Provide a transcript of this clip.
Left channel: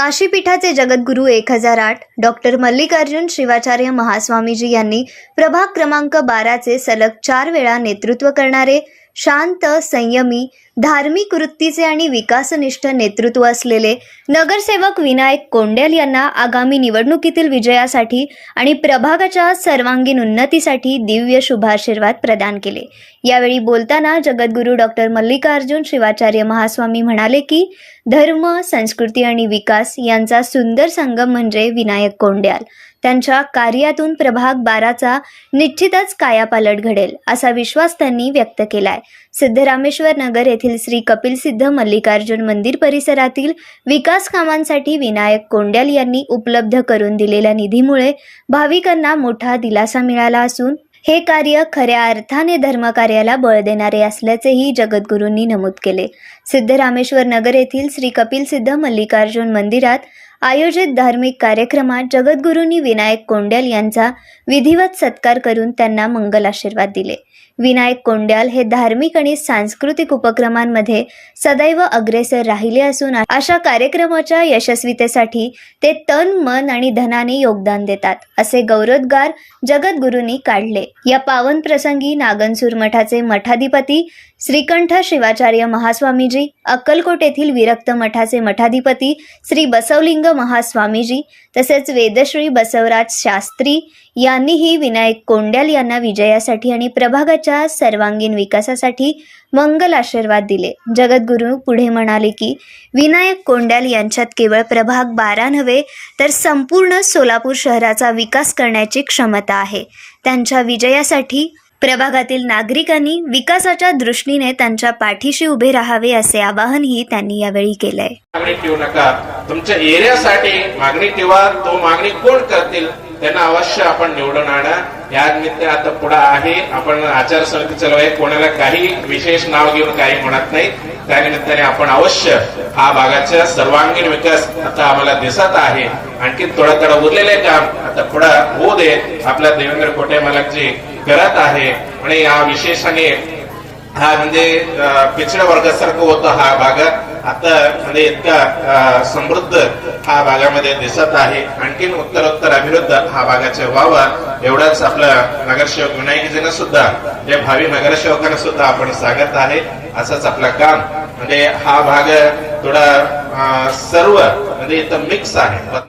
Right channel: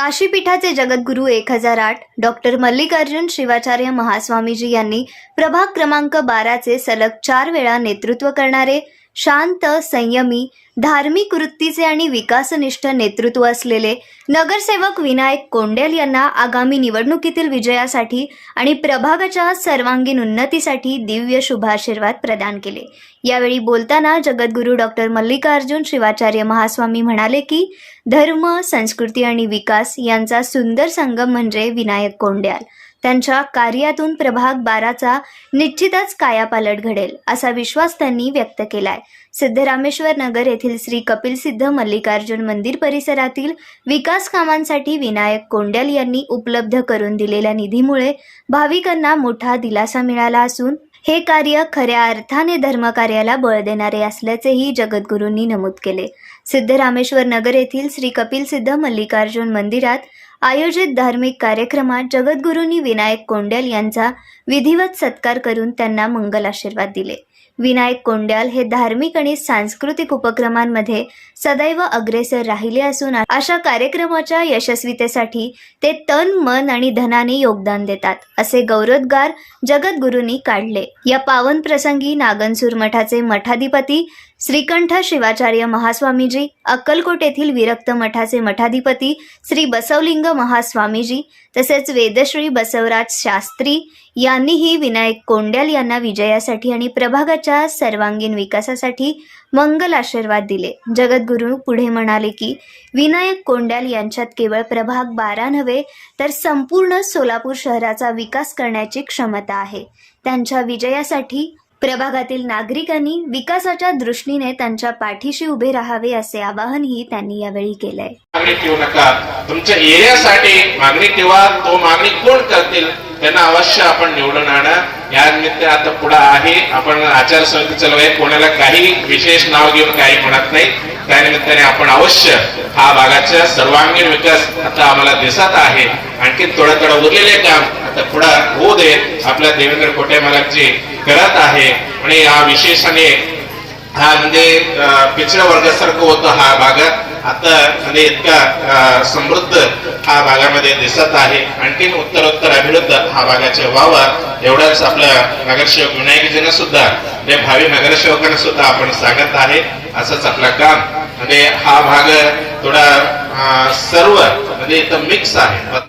काशीपीठाचे जगद्गुरू एक हजार आठ डॉक्टर मल्लिकार्जुन शिवाचार्य महास्वामीजी यांनी प्रभाग क्रमांक बाराचे सलग चार वेळा नेतृत्व करणारे शांत संयमी धार्मिक वृत्तीचे आणि विकासनिष्ठ नेतृत्व असलेले नगरसेवक विनायक कोंडेल यांना आगामी निवडणुकीतील विजयासाठी आणि प्रभागाच्या सर्वांगीण उन्नतीसाठी दिव्य शुभाशीर्वाद प्रदान केले. यावेळी बोलताना जगद्गुरू डॉक्टर मल्लिकार्जुन शिवाचार्य महास्वामी म्हणाले की धर्म संस्कृती आणि विकास यांचा सुंदर संगम म्हणजे विनायक कोंड्याल. त्यांच्या कार्यातून प्रभाग बाराचा निश्चितच कायापालट घडेल असा विश्वास त्यांनी व्यक्त केलाय. सिद्धरामेश्वर नगर येथील श्री कपिल सिद्ध मल्लिकार्जुन मंदिर परिसरातील विकास कामांसाठी विनायक कोंड्याल यांनी उपलब्ध करून दिलेल्या निधीमुळे भाविकांना मोठा दिलासा मिळाला असून हे कार्य खऱ्या अर्थाने धर्मकार्याला बळ देणारे असल्याचेही जगद्गुरूंनी नमूद केले. सिद्धरामेश्वर नगर येथील श्री कपिल सिद्ध मल्लिकार्जुन मंदिरात आयोजित धार्मिक कार्यक्रमात जगद्गुरूंनी विनायक कोंड्याल यांचा विधिवत सत्कार करून त्यांना मंगल आशीर्वाद दिले. विनायक कोंड्याल हे धार्मिक आणि सांस्कृतिक उपक्रमांमध्ये सदैव अग्रेसर राहिले असून अशा कार्यक्रमाच्या यशस्वीतेसाठी ते तन मन आणि धनाने योगदान देतात असे गौरवोद्गार जगद्गुरूंनी काढले. या पावन प्रसंगी नागनसूर मठाचे मठाधिपती श्रीकंठ शिवाचार्य महास्वामीजी अक्कलकोट येथील विरक्त मठाचे मठाधिपती श्री बसवलिंग महास्वामीजी तसेच वेदश्री बसवराज शास्त्री यांनीही विनायक कोंड्याल यांना विजयासाठी आणि प्रभागाच्या सर्वांगीण विकासासाठी मंगल आशीर्वाद दिले. जगद्गुरू पुढे म्हणाले की विनायक कोंड्याल यांच्यात केवळ प्रभाग बारा नव्हे तर संपूर्ण सोलापूर शहराचा विकास करण्याची क्षमता आहे. त्यांच्या विजयासाठी प्रभागातील नागरिकांनी विकासाच्या दृष्टीने त्यांच्या पाठीशी उभे राहावे असे आवाहनही त्यांनी यावेळी केलंय. मागणी ठेवू नका. तुमच्या एरियासाठी मागणी ठेवा. तो मागणी कोण करतील? त्यांना अवश्य आपण निवडून आणा. या निमित्त आता पुढे आहे. आपण आचारसंहिता चालू आहे कोणाला काही विशेष नाव घेऊन काही म्हणत नाही. त्यानिमित्ताने आपण अवश्य हा भागाचा सर्वांगीण विकास आता आम्हाला दिसत आहे. आणखी थोडं थोडं उरलेले काम आता पुढं होऊ दे आपल्या देवेंद्र कोटे मालकजी करत आहे. आणि या विशेषाने हा म्हणजे पिछड्या वर्गासारखं होतं हा भागात आता म्हणजे इतका समृद्ध हा भागामध्ये दिसत आहे. आणखीन उत्तरोत्तर अभिवृद्ध हा भागाचे व्हावा एवढाच आपला नगरसेवक विनायकजीनं सुद्धा या भावी नगरसेवकांना सुद्धा आपण सांगत आहे. असंच आपलं काम. म्हणजे हा भाग थोडा अं, सर्व म्हणजे इथं मिक्स आहे.